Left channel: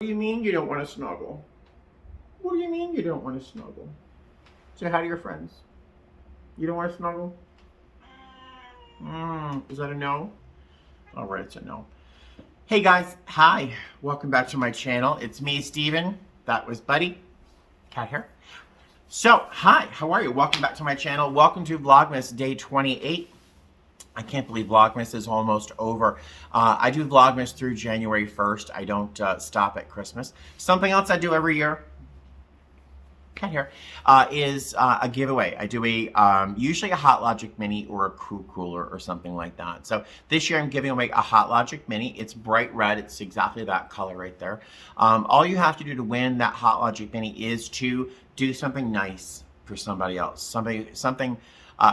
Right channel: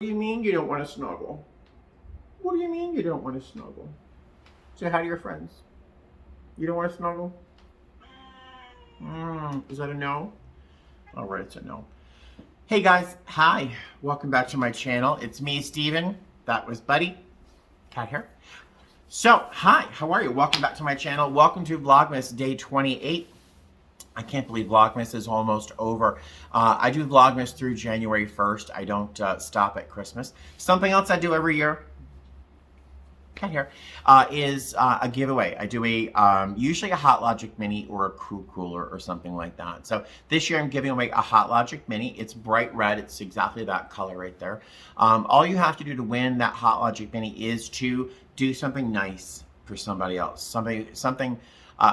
What do you mean you don't want to snuggle? What do you mean you don't want to snuggle? Say hi to your friends. You don't want to snuggle? Is that a no? All right, it's a no. Hey guys, hi. Welcome back to my channel. It's me, Steven. That was Buddy. Cat hair. So, hi, how are you? Welcome back to my channel. Welcome to Vlogmas Day 28. I can't believe Vlogmas is almost over. I do Vlogmas through January 1st. I don't stop at Christmas. Something else I do every year, cat hair, is a giveaway. I do usually a Hot Logic Mini or a Crew Cooler or something like that. So this year I'm giving away a Hot Logic Mini. It's bright red. It's exactly that color right there. All you have to do to win that Hot Logic Mini is to do something nice for somebody else. Something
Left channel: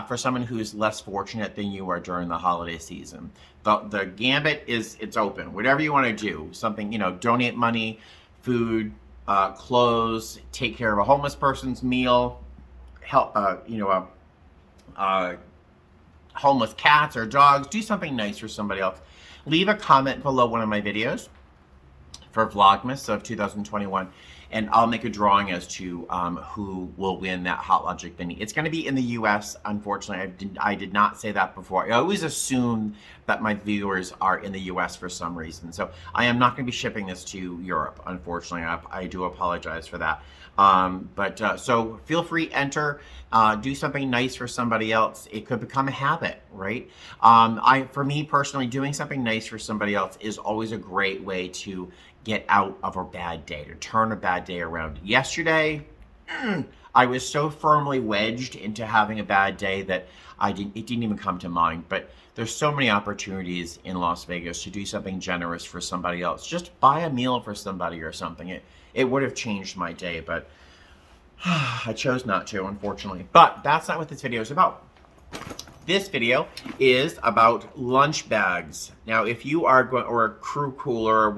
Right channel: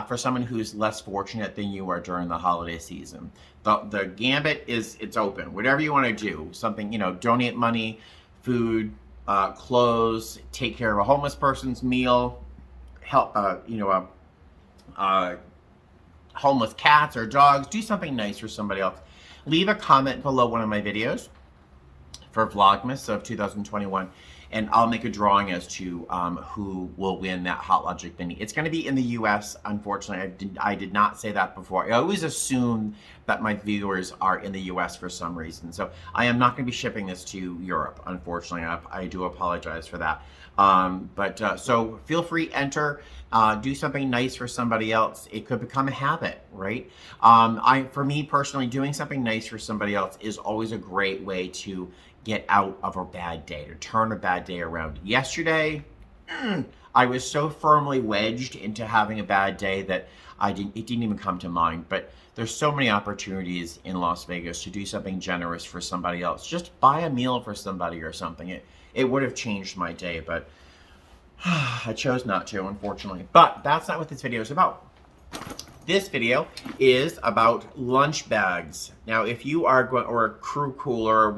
for someone who's less fortunate than you are during the holiday season. The gambit it's open. Whatever you want to do, something, donate money, food, clothes, take care of a homeless person's meal, help, homeless cats or dogs, do something nice for somebody else. Leave a comment below one of my videos for Vlogmas of 2021. And I'll make a drawing as to who will win that Hot Logic Mini. It's going to be in the U.S., unfortunately. I did not say that before. I always assume that my viewers are in the U.S. for some reason. So I am not going to be shipping this to Europe, unfortunately. I do apologize for that. So feel free, enter. Do something nice for somebody else. It could become a habit, right? For me personally, doing something nice for somebody else is always a great way to get out of a bad day, to turn a bad day around. Yesterday, I was so firmly wedged into having a bad day that it didn't even come to mind. But there's so many opportunities in Las Vegas to do something generous for somebody else. Just buy a meal for somebody or something. It would have changed my day, but I chose not to, unfortunately. But that's not what this video is about. This video is about lunch bags. Now, if you are going, or a crew cooler,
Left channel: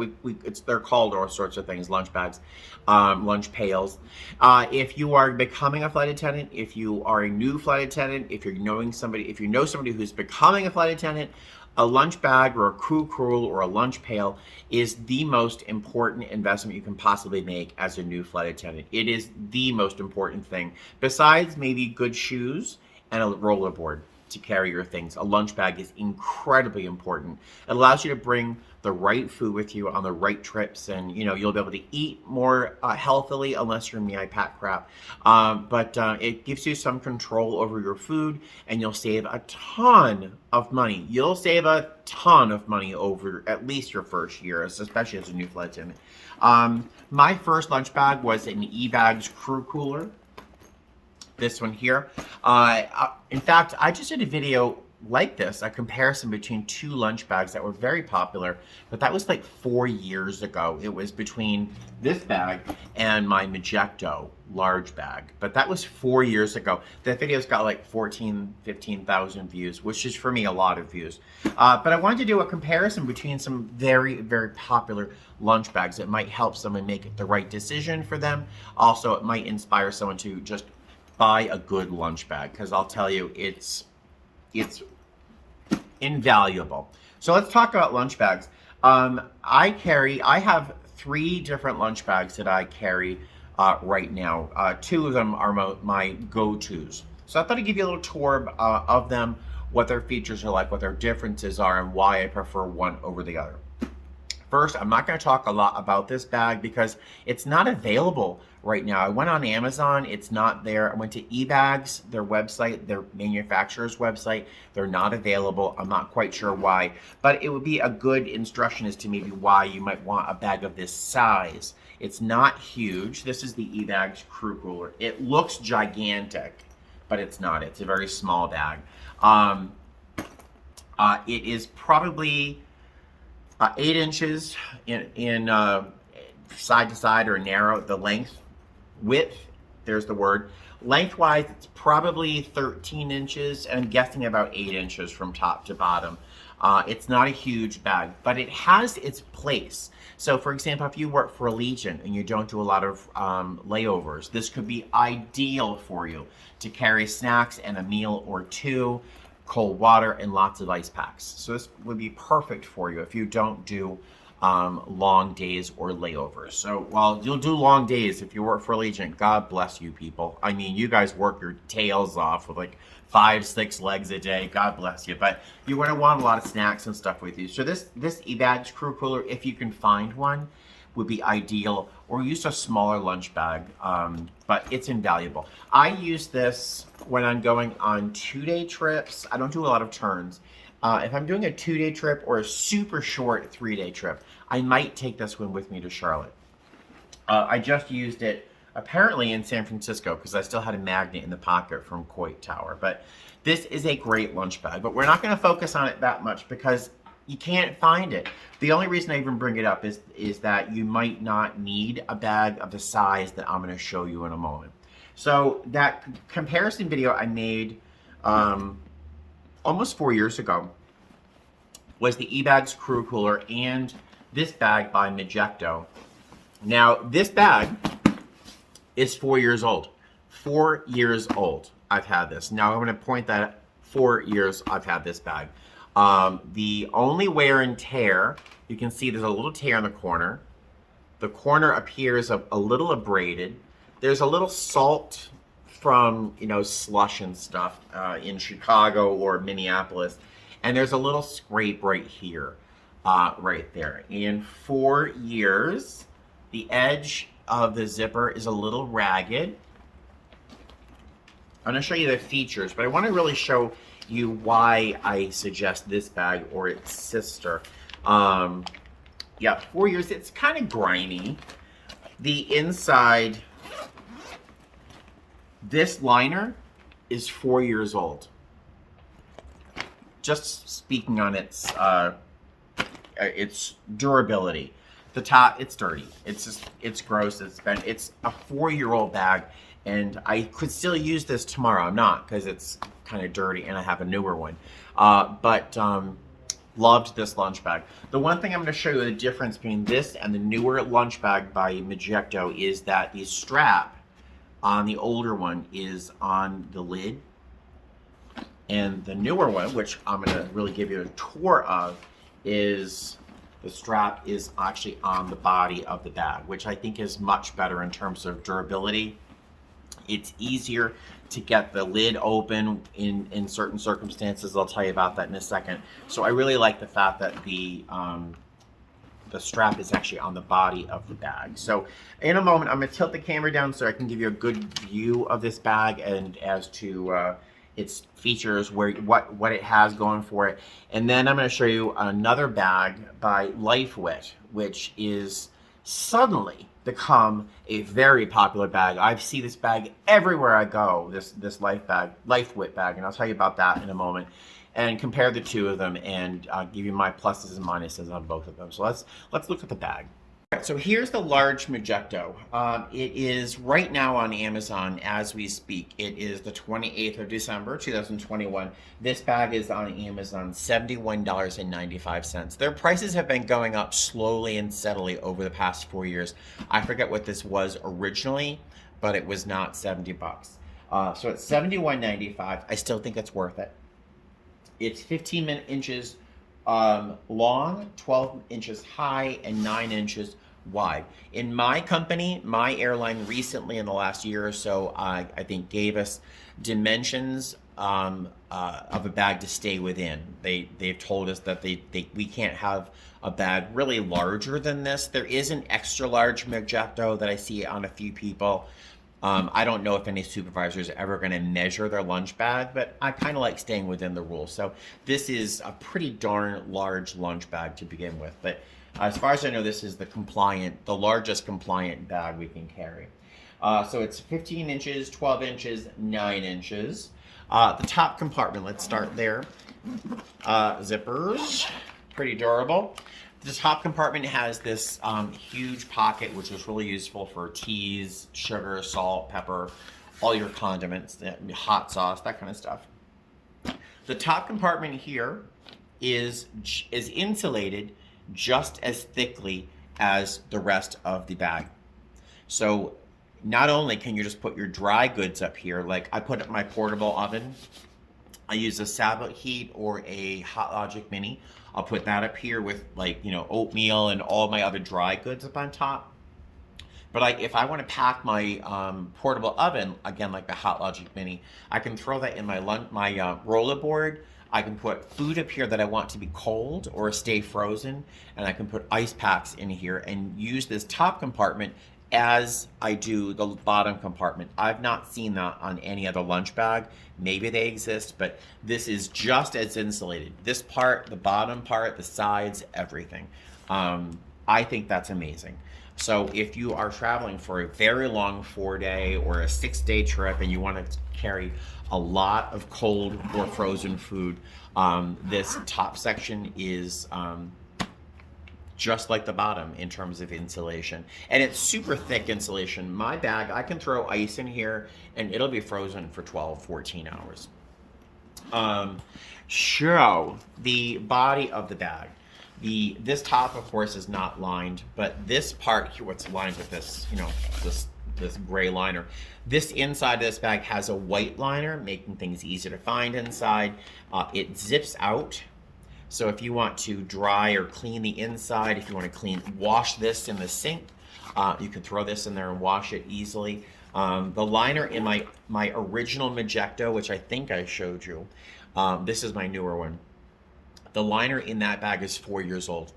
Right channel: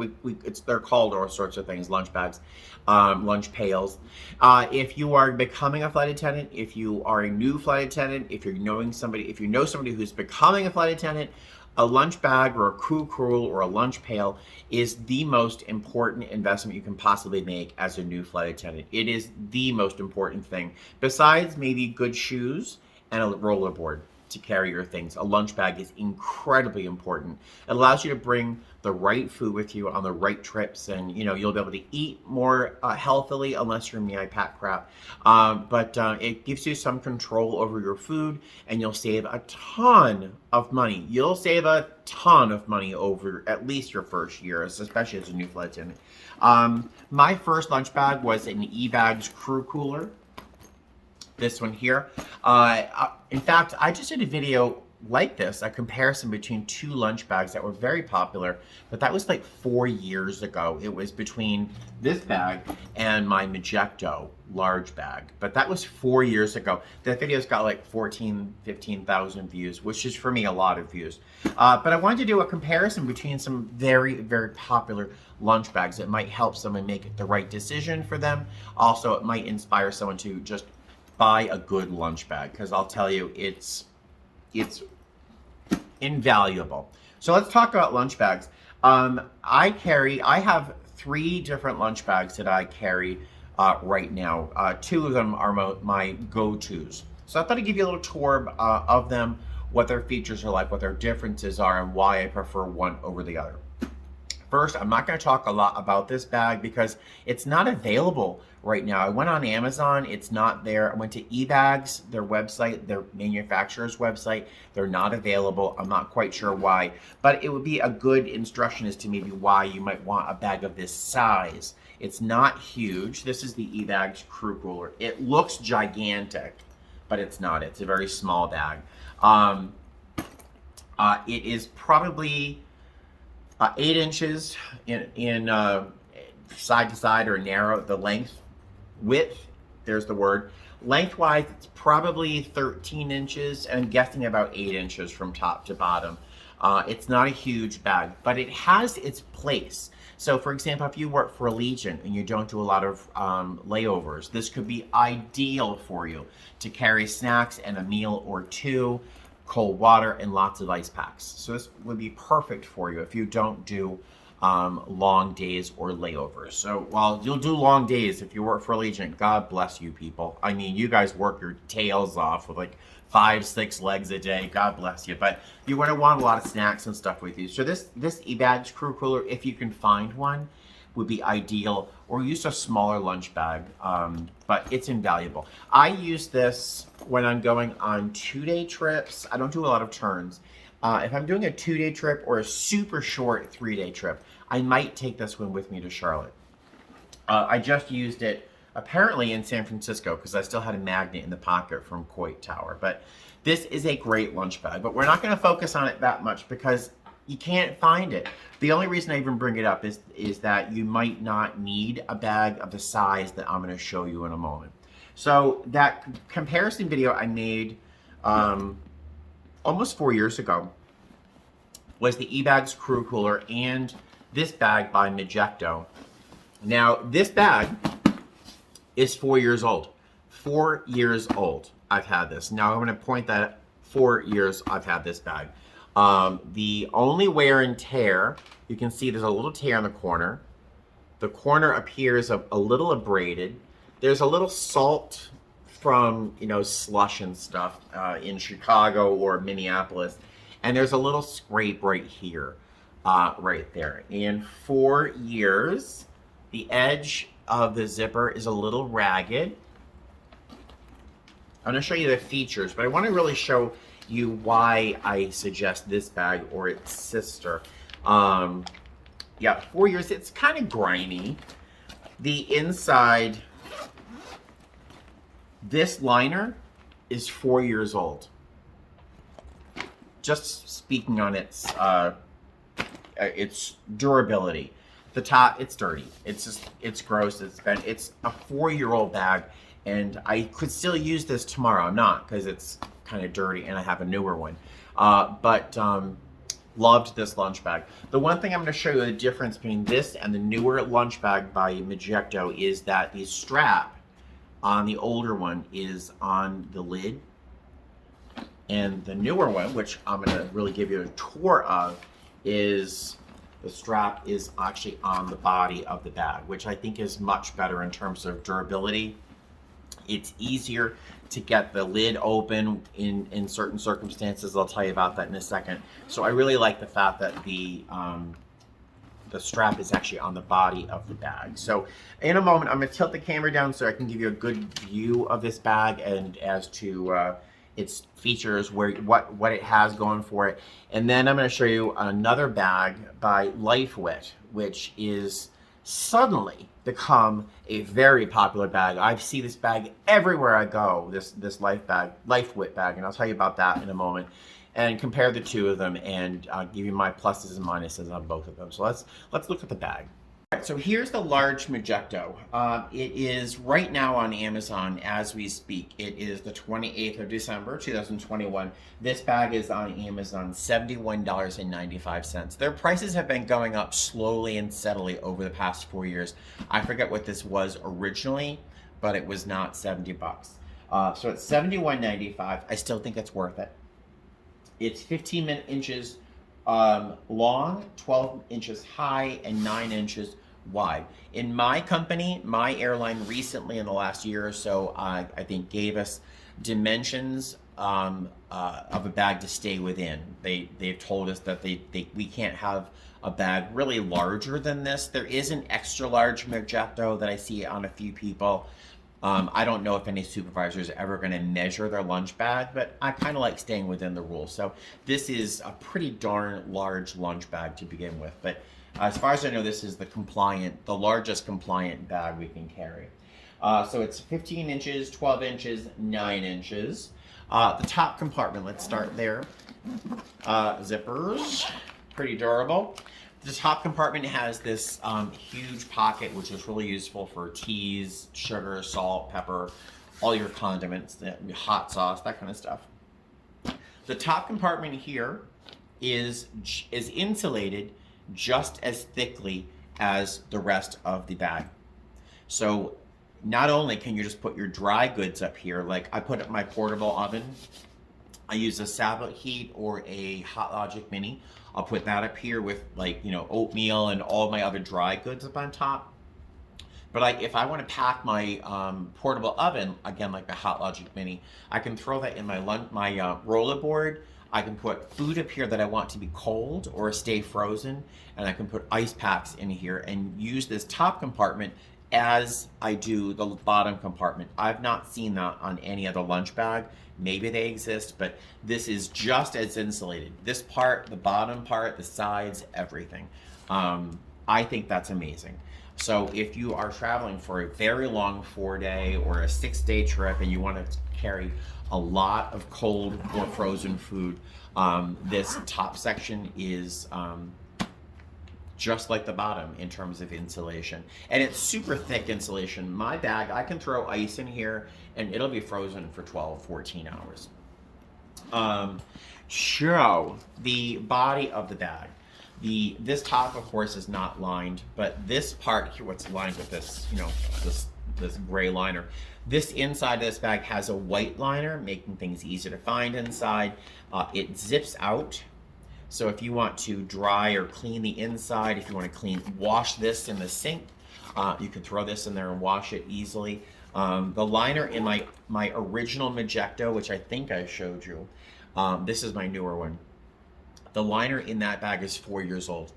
they're called all sorts of things, lunch bags, lunch pails. If you are becoming a flight attendant, if you are a new flight attendant, if you know somebody who's becoming a flight attendant, a lunch bag or a crew cooler or a lunch pail is the most important investment you can possibly make as a new flight attendant. It is the most important thing, besides maybe good shoes and a rollerboard to carry your things. A lunch bag is incredibly important. It allows you to bring the right food with you on the right trips, and you'll be able to eat more healthily, unless you're me, I pack crap. But it gives you some control over your food, and you'll save a ton of money. You'll save a ton of money over at least your first year, especially as a new flight attendant. My first lunch bag was an eBags crew cooler. This one here. In fact, I just did a video like this, a comparison between two lunch bags that were very popular, but that was like 4 years ago. It was between this bag and my Majestic large bag, but that was 4 years ago. That video's got like 15,000 views, which is for me a lot of views. But I wanted to do a comparison between some very, very popular lunch bags that might help someone make the right decision for them. Also, it might inspire someone to just buy a good lunch bag, because I'll tell you, it's invaluable. So let's talk about lunch bags. I have 3 different lunch bags that I carry right now. 2 of them are my go-tos. So I thought I'd give you a little tour of them, what their features are like, what their differences are, and why I prefer one over the other. First, I'm not going to talk a lot about this bag because it's not available right now. I went on Amazon, it's not there. I went to eBags, their website, their manufacturer's website. They're not available. I'm not quite sure why, but it would be a good instruction as to maybe why you might want a bag of this size. It's not huge. This is the eBags crew cooler. It looks gigantic, but it's not. It's a very small bag. It is probably 8 inches in side to side, or narrow, the width, there's the word. Lengthwise, it's probably 13 inches, and I'm guessing about 8 inches from top to bottom. It's not a huge bag, but it has its place. So for example, if you work for Allegiant and you don't do a lot of layovers, this could be ideal for you to carry snacks and a meal or two, cold water, and lots of ice packs. So this would be perfect for you if you don't do long days or layovers. So while you'll do long days if you work for Allegiant, God bless you people. I mean, you guys work your tails off with like 5-6 legs a day. God bless you. But you're going to want a lot of snacks and stuff with you. So this eBags crew cooler, if you can find one, would be ideal, or use a smaller lunch bag, but it's invaluable. I use this when I'm going on 2-day trips. I don't do a lot of turns. If I'm doing a 2-day trip or a super short 3-day trip, I might take this one with me to Charlotte. I just used it apparently in San Francisco because I still had a magnet in the pocket from Coit Tower. But this is a great lunch bag, but we're not going to focus on it that much because you can't find it. The only reason I even bring it up is that you might not need a bag of the size that I'm going to show you in a moment. So that comparison video I made almost 4 years ago was the eBags crew cooler and this bag by Majestic. Now this bag is 4 years old. 4 years old I've had this. Now I'm going to point that 4 years I've had this bag. The only wear and tear, you can see there's a little tear in the corner. The corner appears a little abraded. There's a little salt from, you know, slush and stuff in Chicago or Minneapolis. And there's a little scrape right here, right there. In 4 years, the edge of the zipper is a little ragged. I'm going to show you the features, but I want to really show you why I suggest this bag or its sister. Yeah, 4 years, it's kind of grimy. The inside, this liner is 4 years old. Just speaking on its durability. The top, it's dirty. It's gross. It's a 4-year-old bag, and I could still use this tomorrow. I'm not, because it's kind of dirty and I have a newer one. But loved this lunch bag. The one thing I'm going to show you the difference between this and the newer lunch bag by Majestic is that the strap on the older one is on the lid, and the newer one, which I'm going to really give you a tour of, is the strap is actually on the body of the bag, which I think is much better in terms of durability. It's easier to get the lid open in certain circumstances. I'll tell you about that in a second. So I really like the fact that the strap is actually on the body of the bag. So in a moment, I'm going to tilt the camera down so I can give you a good view of this bag and as to its features, what it has going for it. And then I'm going to show you another bag by Lifewit, which is suddenly become a very popular bag. I see this bag everywhere I go, this Lifewit bag, and I'll tell you about that in a moment. And compare the two of them and give you my pluses and minuses on both of them. So let's look at the bag. All right, so here's the large Majestic. It is right now on Amazon as we speak. It is the 28th of December, 2021. This bag is on Amazon, $71.95. Their prices have been going up slowly and steadily over the past 4 years. I forget what this was originally, but it was not 70 bucks. So it's $71.95. I still think it's worth it. It's 15 inches long, 12 inches high, and 9 inches wide. In my company, my airline recently in the last year or so, I think gave us dimensions of a bag to stay within. They've told us that we can't have a bag really larger than this. There is an extra large Majestic that I see on a few people. I don't know if any supervisors are ever going to measure their lunch bag, but I kind of like staying within the rules. So this is a pretty darn large lunch bag to begin with. But as far as I know, this is the largest compliant bag we can carry. So it's 15 inches, 12 inches, 9 inches. The top compartment, let's start there. Zippers, pretty durable. The top compartment has this huge pocket, which is really useful for teas, sugar, salt, pepper, all your condiments, hot sauce, that kind of stuff. The top compartment here is insulated just as thickly as the rest of the bag. So not only can you just put your dry goods up here, like I put my portable oven I use a Sabot Heat or a Hot Logic Mini. I'll put that up here with, like, you know, oatmeal and all my other dry goods up on top. But if I want to pack my portable oven, again, like the Hot Logic Mini, I can throw that in my rollerboard. I can put food up here that I want to be cold or stay frozen, and I can put ice packs in here and use this top compartment as I do the bottom compartment. I've not seen that on any other lunch bag. Maybe they exist, but this is just as insulated. This part, the bottom part, the sides, everything. I think that's amazing. So if you are traveling for a very long 4-day or a 6-day trip and you want to carry a lot of cold or frozen food, this top section is just like the bottom in terms of insulation. And it's super thick insulation. My bag, I can throw ice in here and it'll be frozen for 12, 14 hours. So the body of the bag. This top, of course, is not lined, but this part here, what's lined with this, you know, this gray liner. This inside of this bag has a white liner, making things easy to find inside. It zips out. So if you want to dry or clean the inside, if you want to wash this in the sink, you can throw this in there and wash it easily. The liner in my original Majestic, which I think I showed you, this is my newer one. The liner in that bag is 4 years old.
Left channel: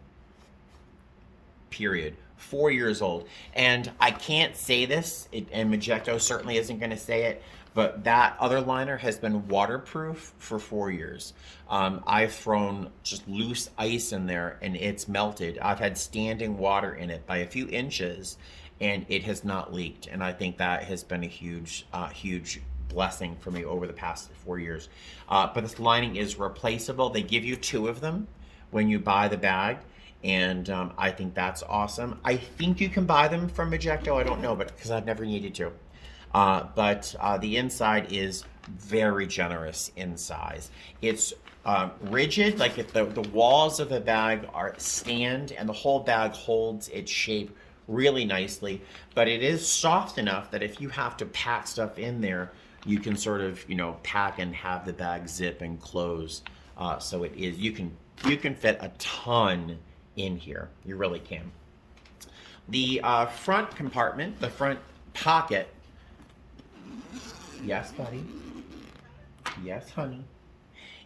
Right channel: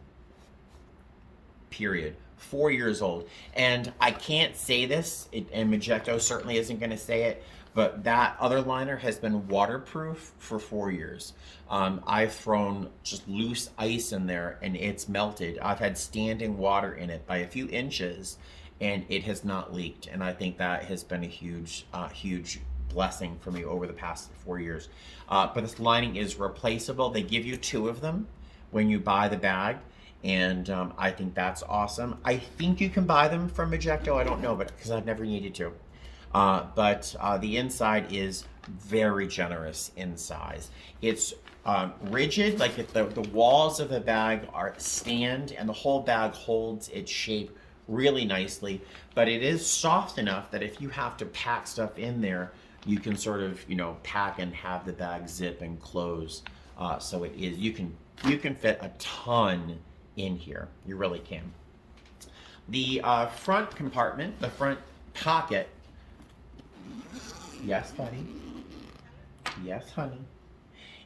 Period. 4 years old. And I can't say this, and Majestic certainly isn't going to say it, but that other liner has been waterproof for 4 years. I've thrown just loose ice in there and it's melted. I've had standing water in it by a few inches and it has not leaked. And I think that has been a huge blessing for me over the past 4 years. But this lining is replaceable. They give you 2 of them when you buy the bag, and I think that's awesome. I think you can buy them from Majestic. I don't know, but because I've never needed to. But the inside is very generous in size. It's rigid, like if the walls of the bag stand and the whole bag holds its shape really nicely, but it is soft enough that if you have to pack stuff in there, you can sort of, you know, pack and have the bag zip and close. So it is, you can fit a ton in here. You really can. The front compartment, the front pocket. Yes, buddy. Yes, honey.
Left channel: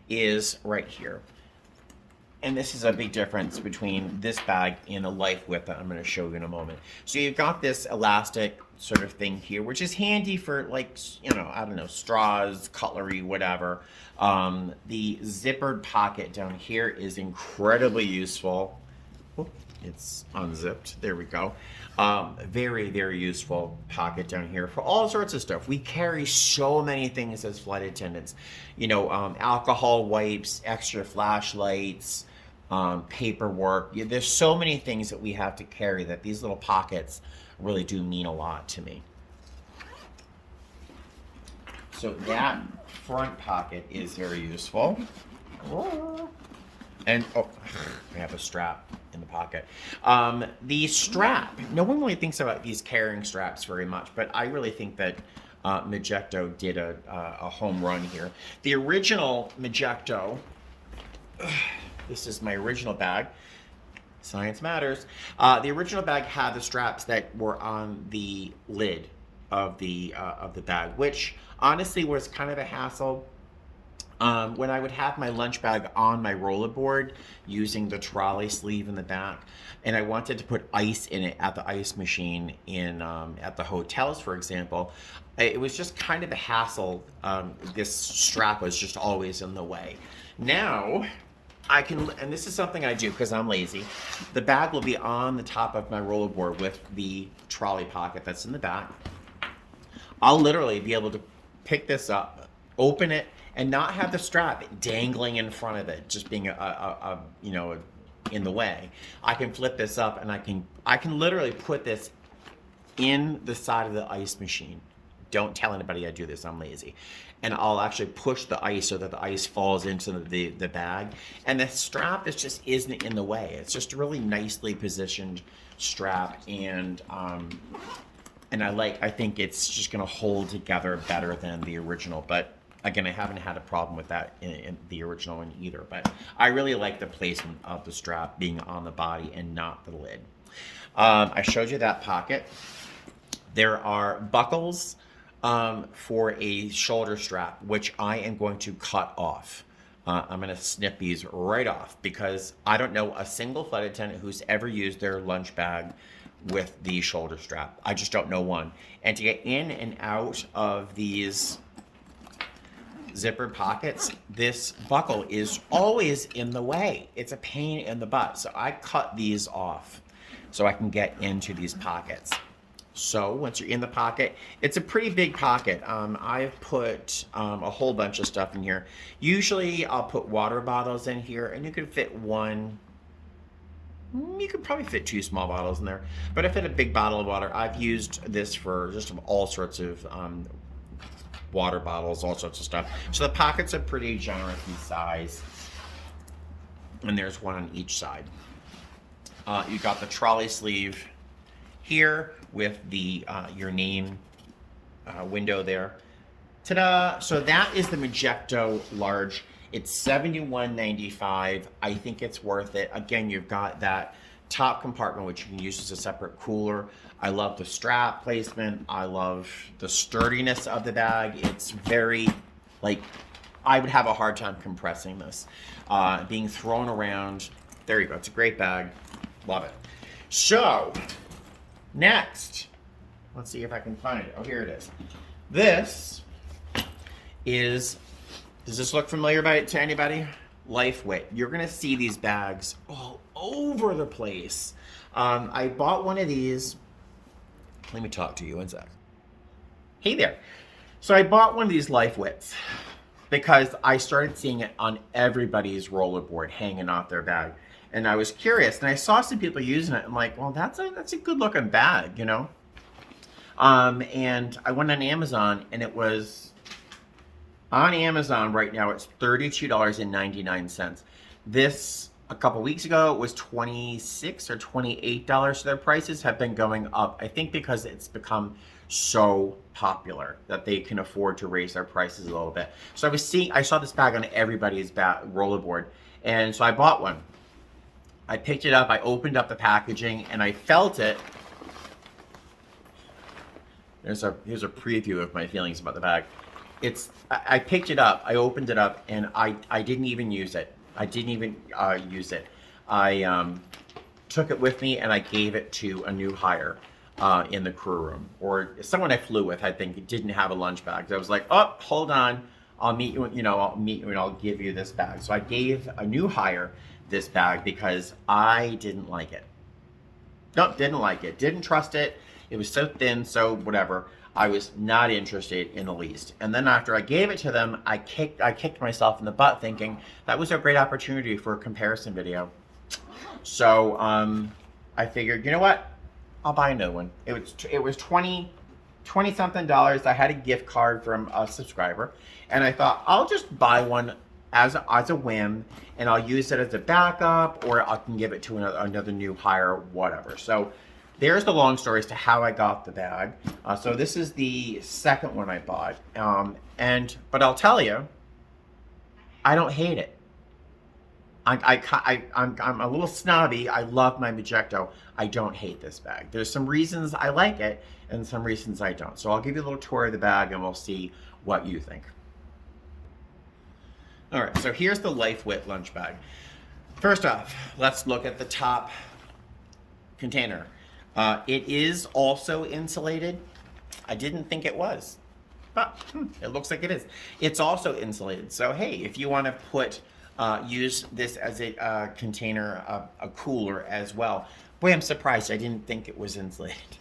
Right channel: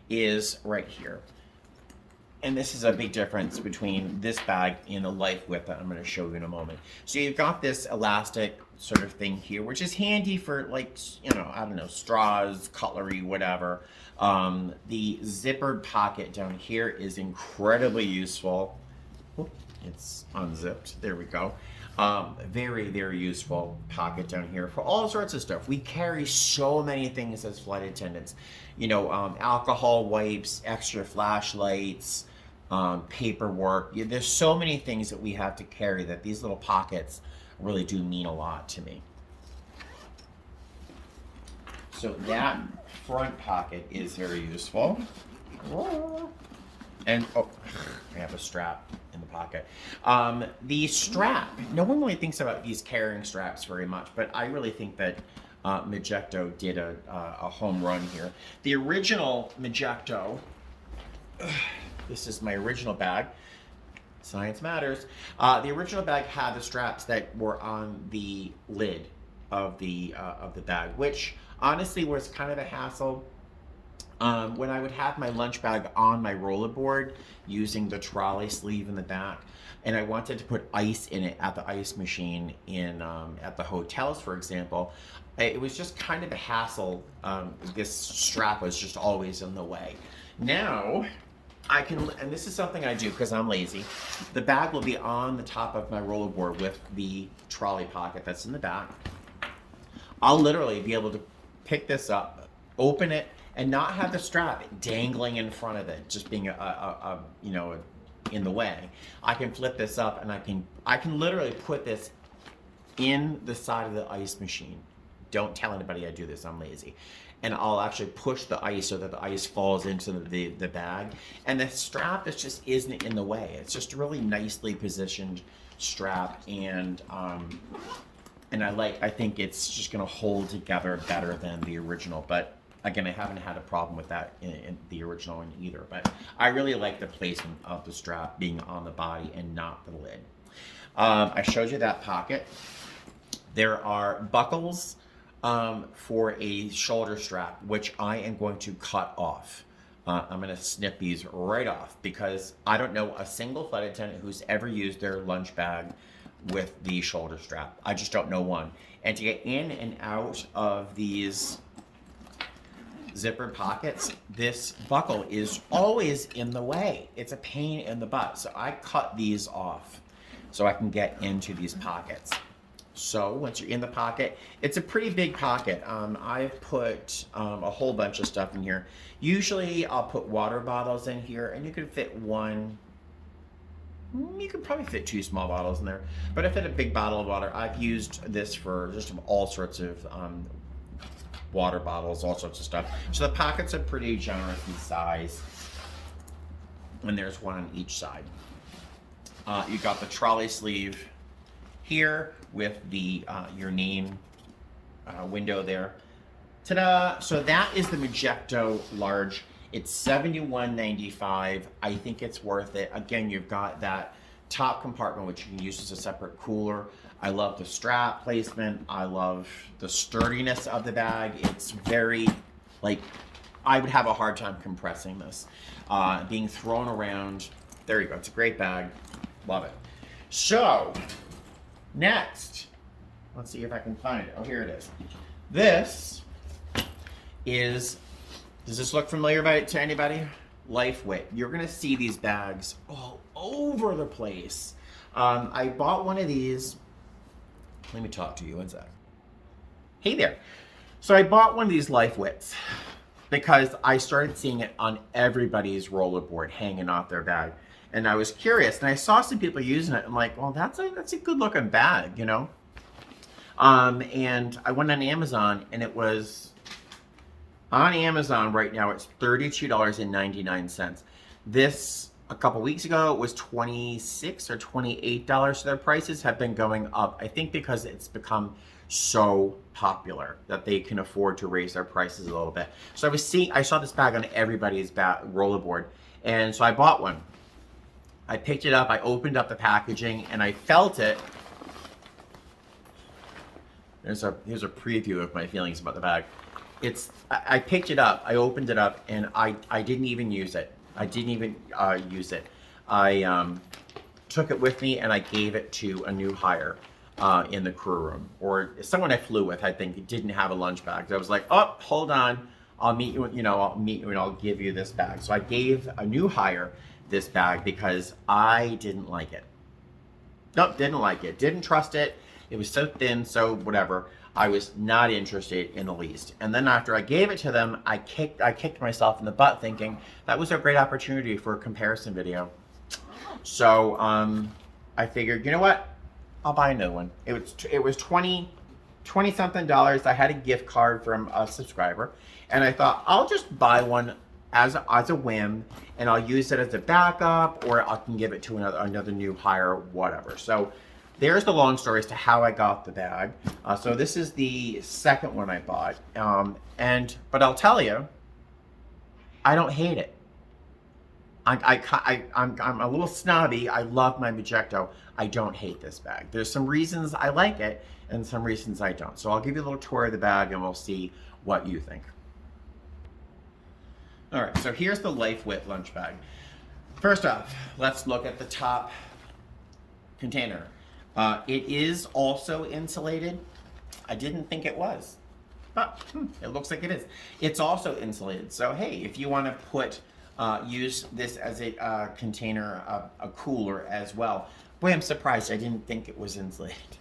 Is right here. And this is a big difference between this bag and the Lifewit that I'm going to show you in a moment. So you've got this elastic sort of thing here, which is handy for, like, you know, I don't know, straws, cutlery, whatever. The zippered pocket down here is incredibly useful. Oop, it's unzipped. There we go. Very, very useful pocket down here for all sorts of stuff. We carry so many things as flight attendants. You know, alcohol wipes, extra flashlights, paperwork. There's so many things that we have to carry that these little pockets really do mean a lot to me. So that front pocket is very useful. And, oh, I have a strap in the pocket. The strap, no one really thinks about these carrying straps very much, but I really think that Majestic did a home run here. The original Majestic, this is my original bag. Science matters. The original bag had the straps that were on the lid of the bag, which honestly was kind of a hassle. When I would have my lunch bag on my rollerboard using the trolley sleeve in the back, and I wanted to put ice in it at the ice machine in at the hotels, for example, it was just kind of a hassle. This strap was just always in the way. Now, I can, and this is something I do because I'm lazy, the bag will be on the top of my rollerboard with the trolley pocket that's in the back. I'll literally be able to pick this up, open it, and not have the strap dangling in front of it, just being you know, in the way. I can flip this up and I can literally put this in the side of the ice machine. Don't tell anybody I do this, I'm lazy. And I'll actually push the ice so that the ice falls into the bag. And the strap just isn't in the way. It's just a really nicely positioned strap, and I think it's just gonna hold together better than the original. But Again, I haven't had a problem with that in the original one either, but I really like the placement of the strap being on the body and not the lid. I showed you that pocket. There are buckles for a shoulder strap, which I am going to cut off. I'm going to snip these right off because I don't know a single flight attendant who's ever used their lunch bag with the shoulder strap. I just don't know one. And to get in and out of these zippered pockets, this buckle is always in the way. It's a pain in the butt. So I cut these off so I can get into these pockets. So once you're in the pocket, it's a pretty big pocket. I've put a whole bunch of stuff in here. Usually I'll put water bottles in here, and you can fit one. You could probably fit 2 small bottles in there, but I fit a big bottle of water. I've used this for just all sorts of water bottles, all sorts of stuff. So the pockets are pretty generous in size, and there's one on each side. You got the trolley sleeve here with the your name window there. Ta-da! So that is the Majestic large. It's $71.95. I think it's worth it. Again, you've got that top compartment, which you can use as a separate cooler. I love the strap placement. I love the sturdiness of the bag. It's very, like, I would have a hard time compressing this. Being thrown around. There you go. It's a great bag. Love it. So, next, let's see if I can find it. Oh, here it is. This is, does this look familiar to anybody? Lifewit. You're going to see these bags all over the place. I bought one of these. Let me talk to you one sec. Hey there. So I bought one of these Lifewits because I started seeing it on everybody's rollerboard hanging off their bag. And I was curious, and I saw some people using it. I'm like, well, that's a good looking bag, you know? And I went on Amazon, and it was on Amazon right now. It's $32.99. This a couple weeks ago it was $26 or $28. So their prices have been going up. I think because it's become so popular that they can afford to raise their prices a little bit. So I saw this bag on everybody's rollerboard, and so I bought one. I picked it up, I opened up the packaging, and I felt it. Here's a preview of my feelings about the bag. I picked it up, I opened it up, and I didn't even use it. I didn't even use it. I took it with me, and I gave it to a new hire in the crew room. Or someone I flew with, I think, didn't have a lunch bag. So I was like, oh, hold on. I'll meet you, I'll meet you and I'll give you this bag. So I gave a new hire this bag because I didn't like it. Nope, didn't like it. Didn't trust it. It was so thin, so whatever. I was not interested in the least. And then after I gave it to them, I kicked myself in the butt thinking that was a great opportunity for a comparison video. So I figured, you know what? I'll buy a new one. It was 20 something dollars. I had a gift card from a subscriber, and I thought I'll just buy one as a whim, and I'll use it as a backup, or I can give it to another new hire, whatever. So there's the long story as to how I got the bag. So this is the second one I bought, but I'll tell you, I don't hate it. I'm a little snobby. I love my Majestic. I don't hate this bag. There's some reasons I like it and some reasons I don't. So I'll give you a little tour of the bag and we'll see what you think. All right, so here's the Lifewit lunch bag. First off, let's look at the top container. It is also insulated. I didn't think it was, but it looks like it is. It's also insulated. So hey, if you want to use this as a container, a cooler as well. Boy, I'm surprised I didn't think it was insulated.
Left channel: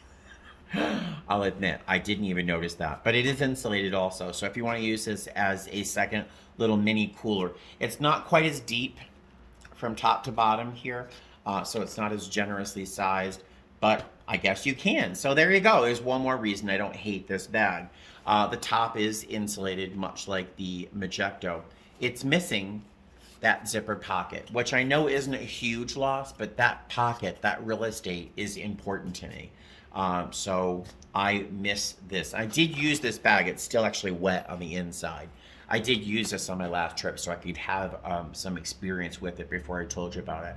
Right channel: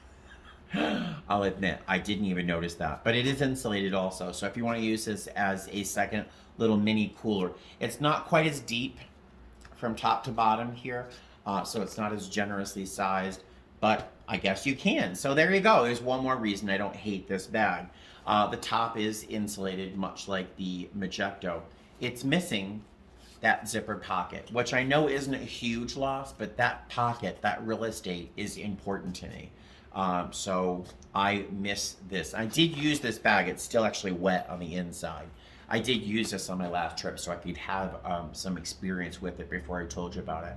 I'll admit, I didn't even notice that, but it is insulated also. So if you want to use this as a second little mini cooler, it's not quite as deep from top to bottom here, so it's not as generously sized, but I guess you can. So there you go. There's one more reason I don't hate this bag. The top is insulated, much like the Majestic. It's missing that zipper pocket, which I know isn't a huge loss, but that pocket, that real estate is important to me. So I miss this. I did use this bag. It's still actually wet on the inside. I did use this on my last trip so I could have some experience with it before I told you about it.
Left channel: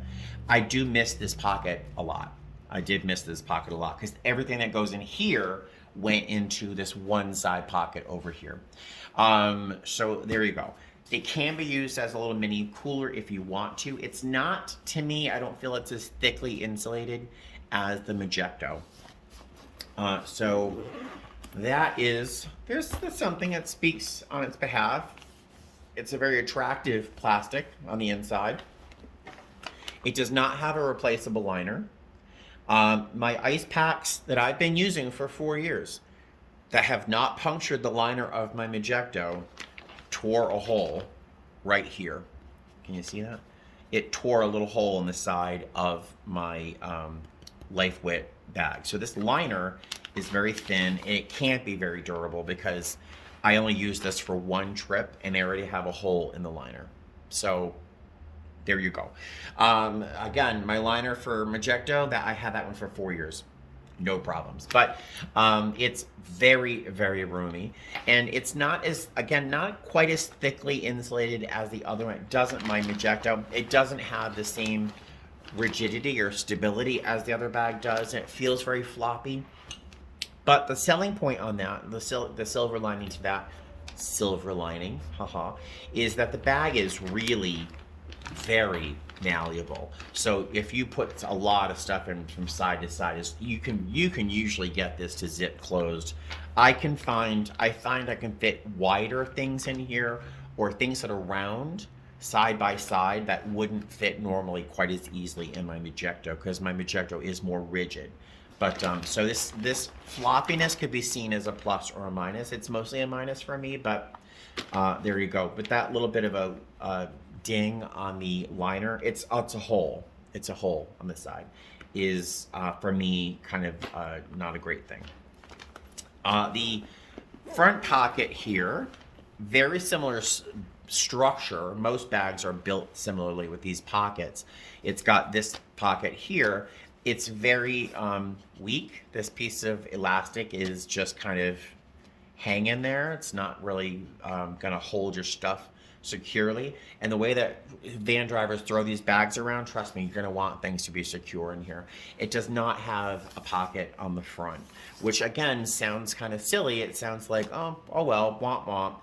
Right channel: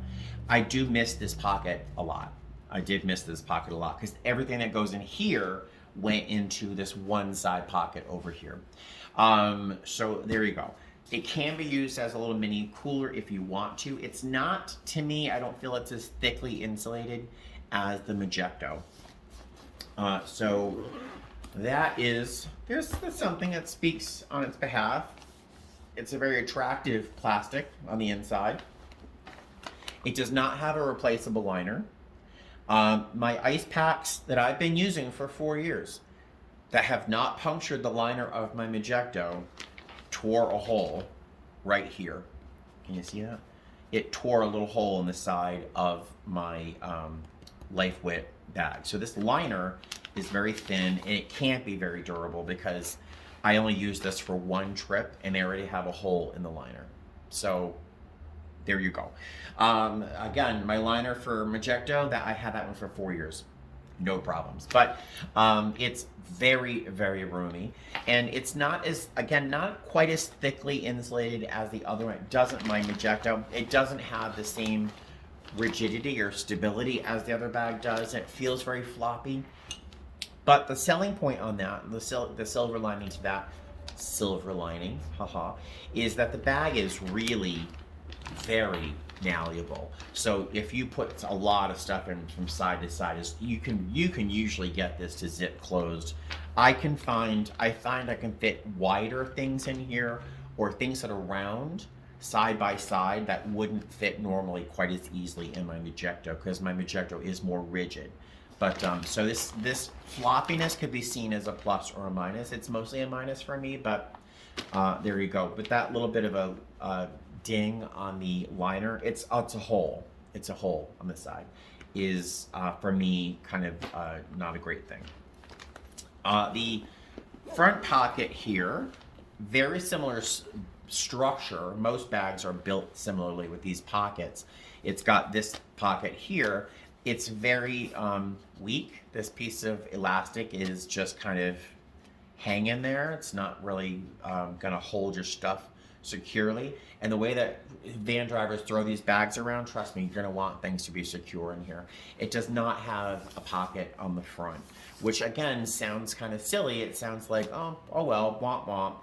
I do miss this pocket a lot. I did miss this pocket a lot because everything that goes in here went into this one side pocket over here. So there you go. It can be used as a little mini cooler if you want to. It's not, to me, I don't feel it's as thickly insulated as the Majestic. So there's something that speaks on its behalf. It's a very attractive plastic on the inside. It does not have a replaceable liner. My ice packs that I've been using for 4 years that have not punctured the liner of my Majestic tore a hole right here. Can you see that? It tore a little hole in the side of my Lifewit bag. So this liner is very thin and it can't be very durable because I only use this for one trip and I already have a hole in the liner. So there you go. Again, my liner for Majestic, that I had that one for 4 years. No problems. But it's very, very roomy. And it's not as, again, not quite as thickly insulated as the other one. It doesn't, my Majestic, it doesn't have the same rigidity or stability as the other bag does. And it feels very floppy. But the selling point on that, the silver lining to that, silver lining, haha, is that the bag is really very malleable. So if you put a lot of stuff in from side to side, you can usually get this to zip closed. I find I can fit wider things in here or things that are round side by side that wouldn't fit normally quite as easily in my Majestic because my Majestic is more rigid. But so this floppiness could be seen as a plus or a minus. It's mostly a minus for me, but there you go. With that little bit of a ding on the liner, it's a hole. It's a hole on the side. Is for me kind of not a great thing. The front pocket here, very similar structure. Most bags are built similarly with these pockets. It's got this pocket here. It's very weak. This piece of elastic is just kind of hanging there. It's not really going to hold your stuff securely. And the way that van drivers throw these bags around, trust me, you're going to want things to be secure in here. It does not have a pocket on the front, which again sounds kind of silly. It sounds like, oh well, womp womp.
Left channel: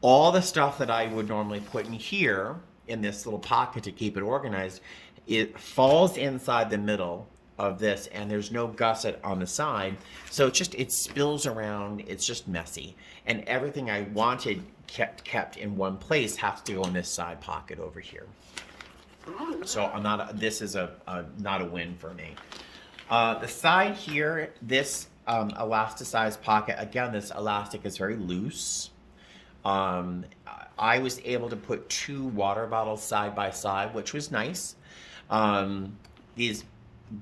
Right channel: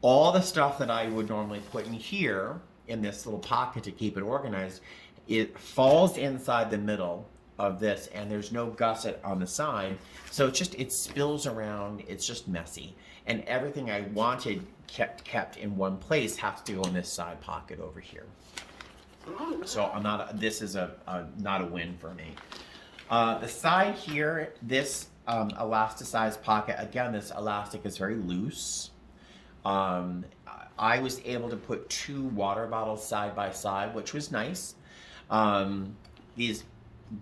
All the stuff that I would normally put in here in this little pocket to keep it organized, it falls inside the middle of this and there's no gusset on the side. So it spills around. It's just messy. And everything I wanted kept in one place has to go in this side pocket over here. So this is not a win for me. The side here, this elasticized pocket, again, this elastic is very loose. I was able to put 2 water bottles side by side, which was nice. These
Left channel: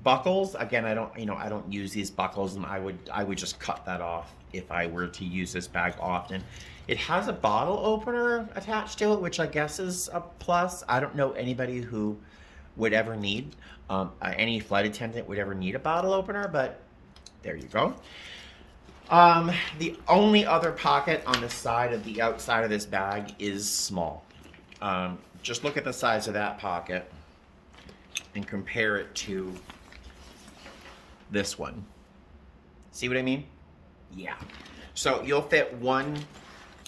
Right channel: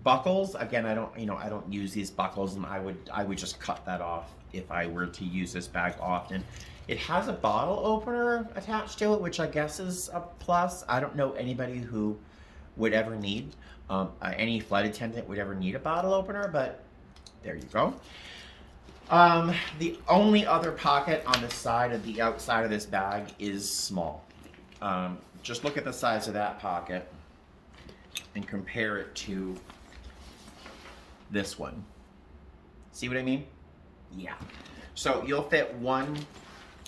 buckles, again, I don't use these buckles, and I would just cut that off if I were to use this bag often. It has a bottle opener attached to it, which I guess is a plus. I don't know anybody who would ever need, any flight attendant would ever need a bottle opener, but there you go. The only other pocket on the side of the outside of this bag is small. Just look at the size of that pocket and compare it to this one. See what I mean? Yeah. So you'll fit one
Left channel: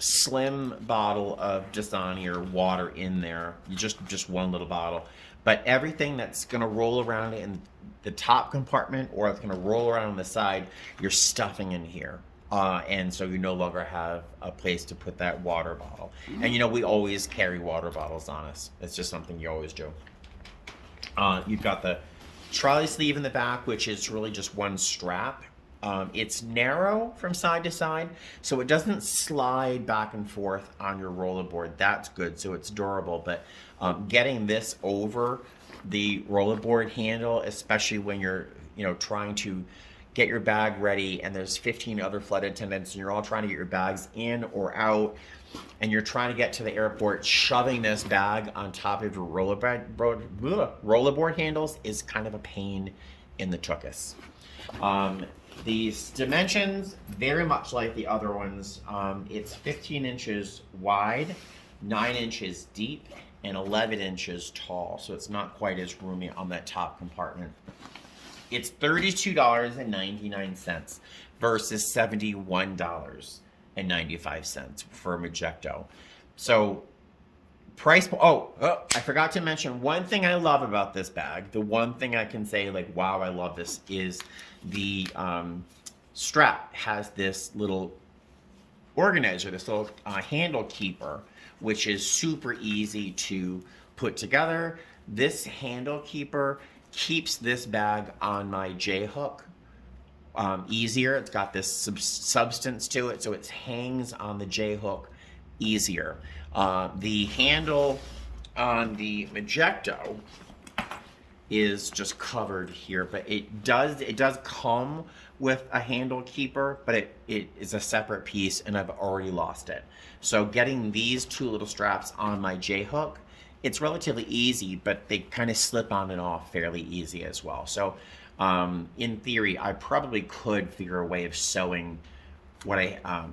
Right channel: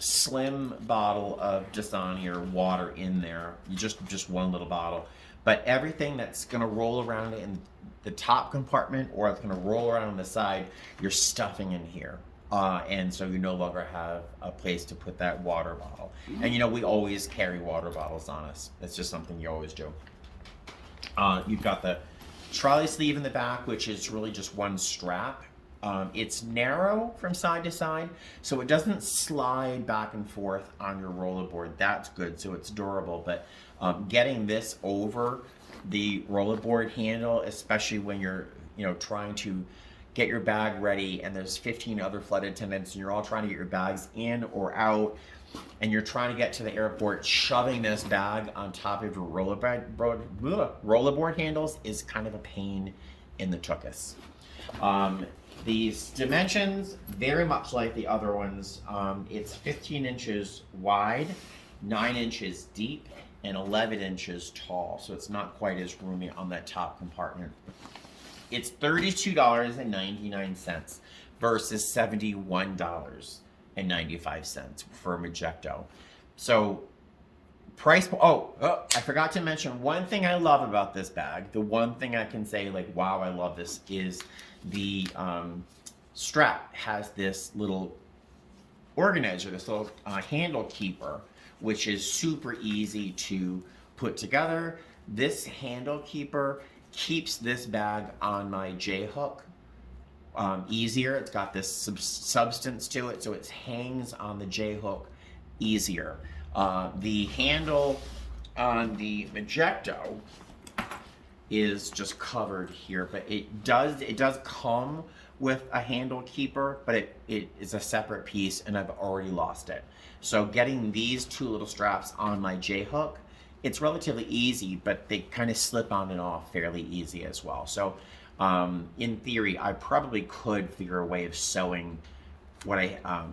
slim bottle of Dasani or water in there, just one little bottle. But everything that's going to roll around in the top compartment or it's going to roll around on the side, you're stuffing in here. And so you no longer have a place to put that water bottle. And we always carry water bottles on us. It's just something you always do. You've got the trolley sleeve in the back, which is really just one strap. It's narrow from side to side, so it doesn't slide back and forth on your rollerboard. That's good, so it's durable. But getting this over the rollerboard handle, especially when you're trying to get your bag ready and there's 15 other flight attendants and you're all trying to get your bags in or out, and you're trying to get to the airport, shoving this bag on top of your rollerboard handles is kind of a pain in the tuchus. These dimensions, very much like the other ones. It's 15 inches wide, 9 inches deep, and 11 inches tall. So it's not quite as roomy on that top compartment. It's $32.99 versus $71.95 for a Majestic. So price, I forgot to mention one thing I love about this bag. The one thing I can say, like, wow, I love this, is the strap has this little organizer, this little handle keeper, which is super easy to put together. This handle keeper keeps this bag on my J-hook easier. It's got this substance to it, so it hangs on the J-hook easier. The handle on the Majestic is just covered here, but it does come with a handle keeper, but it is a separate piece, and I've already lost it. So getting these two little straps on my J-hook, it's relatively easy, but they kind of slip on and off fairly easy as well. So in theory, I probably could figure a way of sewing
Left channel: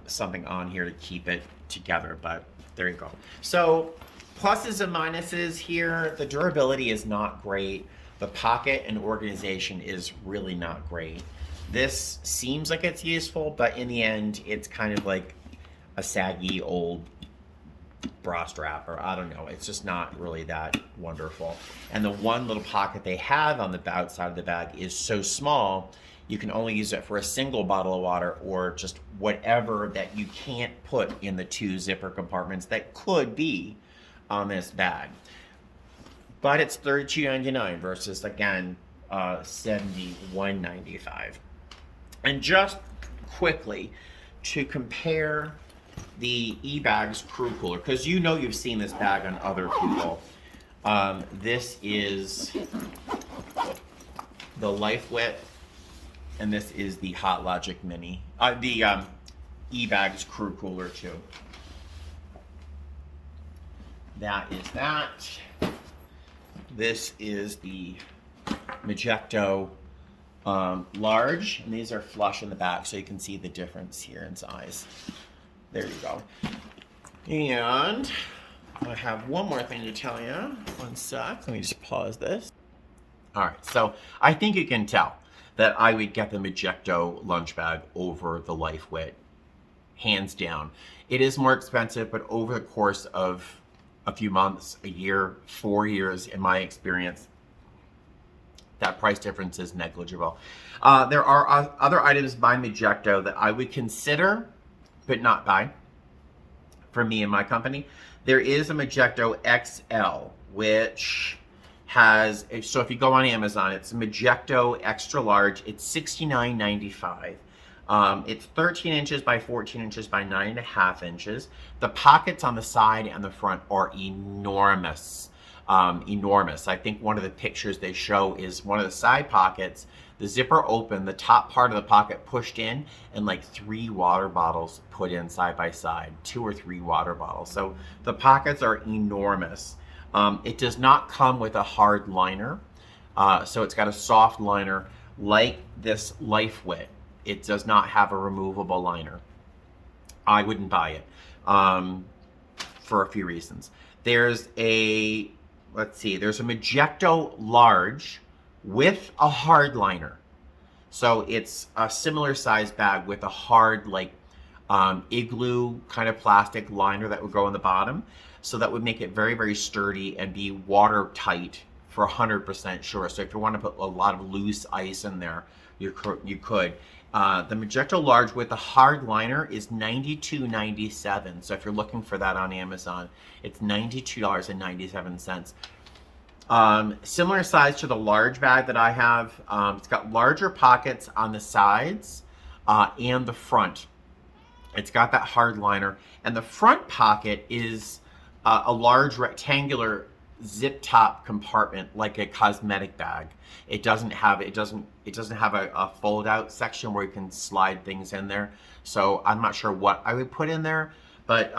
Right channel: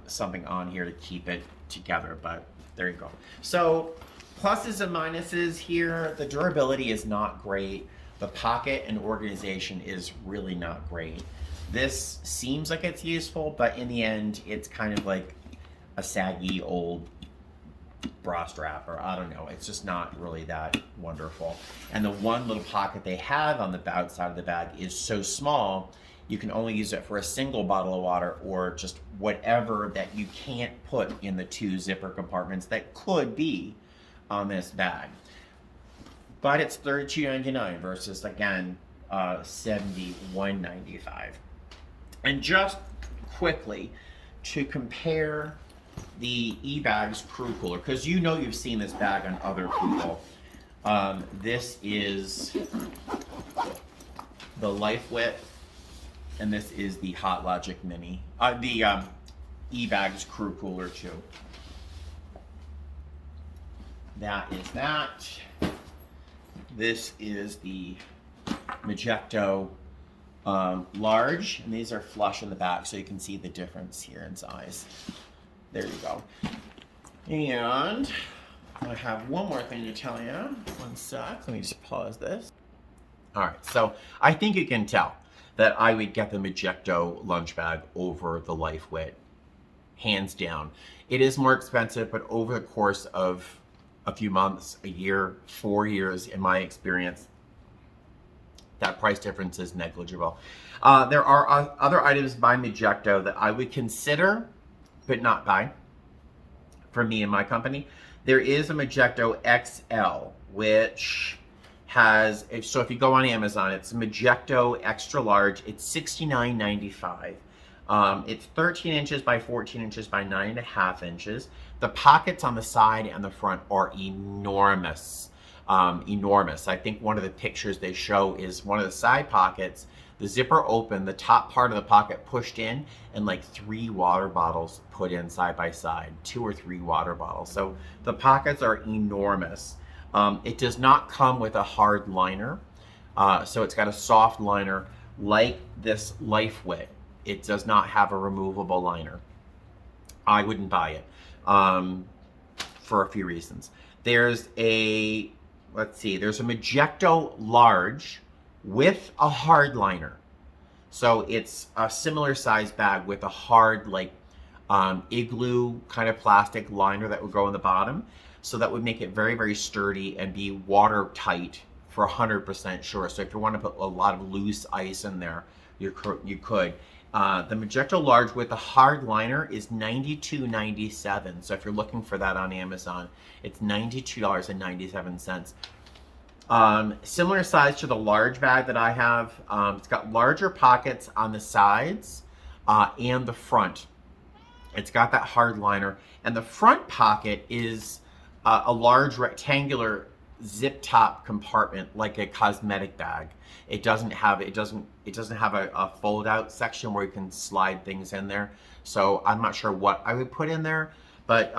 something on here to keep it together, but there you go. So pluses and minuses here. The durability is not great. The pocket and organization is really not great. This seems like it's useful, but in the end, it's kind of like a saggy old bra strap, or I don't know. It's just not really that wonderful. And the one little pocket they have on the outside of the bag is so small, you can only use it for a single bottle of water or just whatever that you can't put in the two zipper compartments that could be on this bag. But it's $32.99 versus, again, $71.95. And just quickly, to compare the eBags Crew Cooler, because you know you've seen this bag on other people. This is the Lifewit, and this is the Hot Logic Mini. The eBags Crew Cooler too. That is that. This is the Majestic large, and these are flush in the back, so you can see the difference here in size. There you go. And I have one more thing to tell you. One sec. Let me just pause this. All right. So I think you can tell that I would get the Majestic lunch bag over the Lifewit, hands down. It is more expensive, but over the course of a few months, a year, 4 years, in my experience, that price difference is negligible. There are other items by Majestic that I would consider, but not buy, for me and my company. There is a Majestic XL, which has, so if you go on Amazon, it's Majestic extra large. It's $69.95. It's 13 inches by 14 inches by 9.5 inches. The pockets on the side and the front are enormous. Enormous. I think one of the pictures they show is one of the side pockets, the zipper open, the top part of the pocket pushed in, and like 3 water bottles put in side by side, 2 or 3 water bottles. So the pockets are enormous. It does not come with a hard liner. So it's got a soft liner like this Lifewit. It does not have a removable liner. I wouldn't buy it for a few reasons. There's a, let's see, there's a Majestic large with a hard liner. So it's a similar size bag with a hard, like igloo kind of plastic liner that would go on the bottom. So that would make it very, very sturdy and be watertight for 100% sure. So if you want to put a lot of loose ice in there, you could. The Majestic large with the hard liner is $92.97. So if you're looking for that on Amazon, it's $92.97. Similar size to the large bag that I have. It's got larger pockets on the sides and the front. It's got that hard liner, and the front pocket is a large rectangular zip top compartment like a cosmetic bag. It doesn't have a fold out section where you can slide things in there. So I'm not sure what I would put in there, but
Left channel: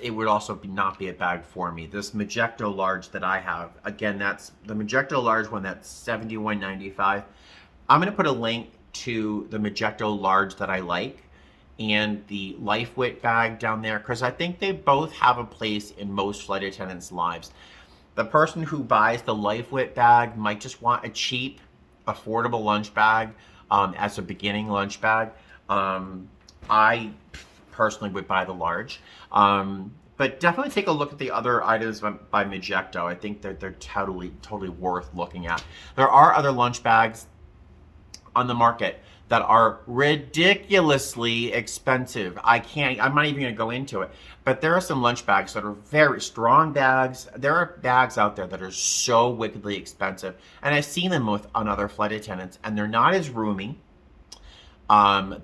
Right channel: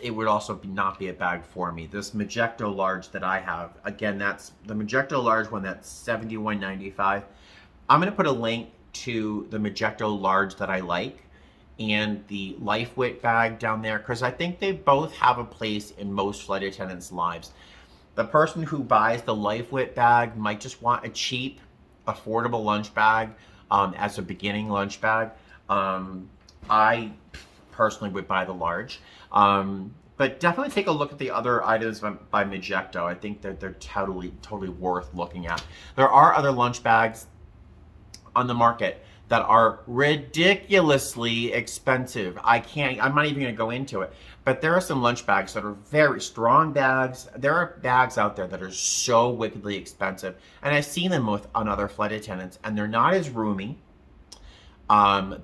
it would also not be a bag for me. This Majestic large that I have, again, that's the Majestic large one, that's $71.95. I'm going to put a link to the Majestic large that I like and the Lifewit bag down there, because I think they both have a place in most flight attendants' lives. The person who buys the Lifewit bag might just want a cheap, affordable lunch bag as a beginning lunch bag. I personally would buy the large. But definitely take a look at the other items by Majestic. I think that they're totally worth looking at. There are other lunch bags on the market that are ridiculously expensive. I'm not even gonna go into it, but there are some lunch bags that are very strong bags. There are bags out there that are so wickedly expensive, and I've seen them on other flight attendants, and they're not as roomy.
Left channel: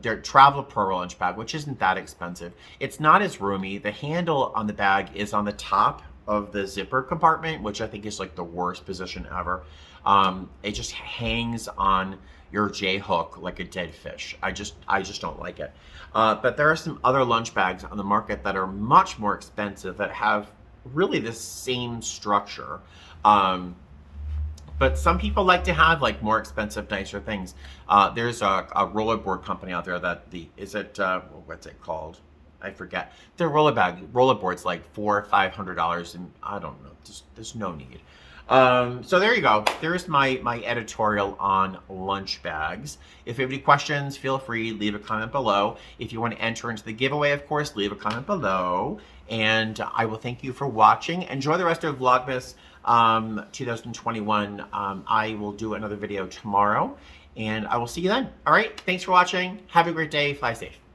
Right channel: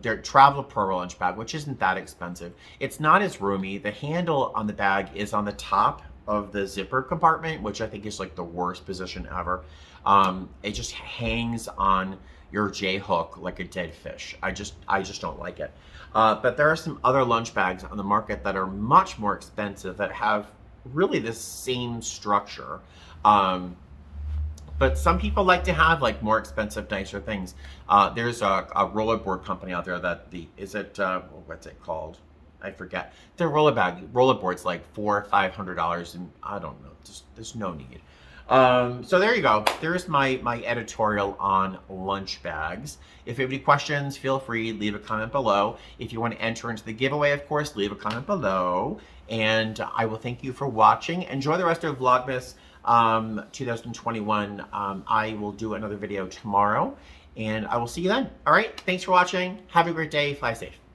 They're Travel Pro lunch bag, which isn't that expensive. It's not as roomy. The handle on the bag is on the top of the zipper compartment, which I think is like the worst position ever. It just hangs on your J hook like a dead fish. I just don't like it. But there are some other lunch bags on the market that are much more expensive that have really the same structure. But some people like to have like more expensive, nicer things. There's a rollerboard company out there that what's it called? I forget. Their rollerboard's like $400 or $500, and I don't know. There's no need. So there you go. There's my editorial on lunch bags. If you have any questions, feel free, leave a comment below. If you want to enter into the giveaway, of course, leave a comment below. And I will thank you for watching. Enjoy the rest of Vlogmas 2021. I will do another video tomorrow, and I will see you then. All right. Thanks for watching. Have a great day. Fly safe.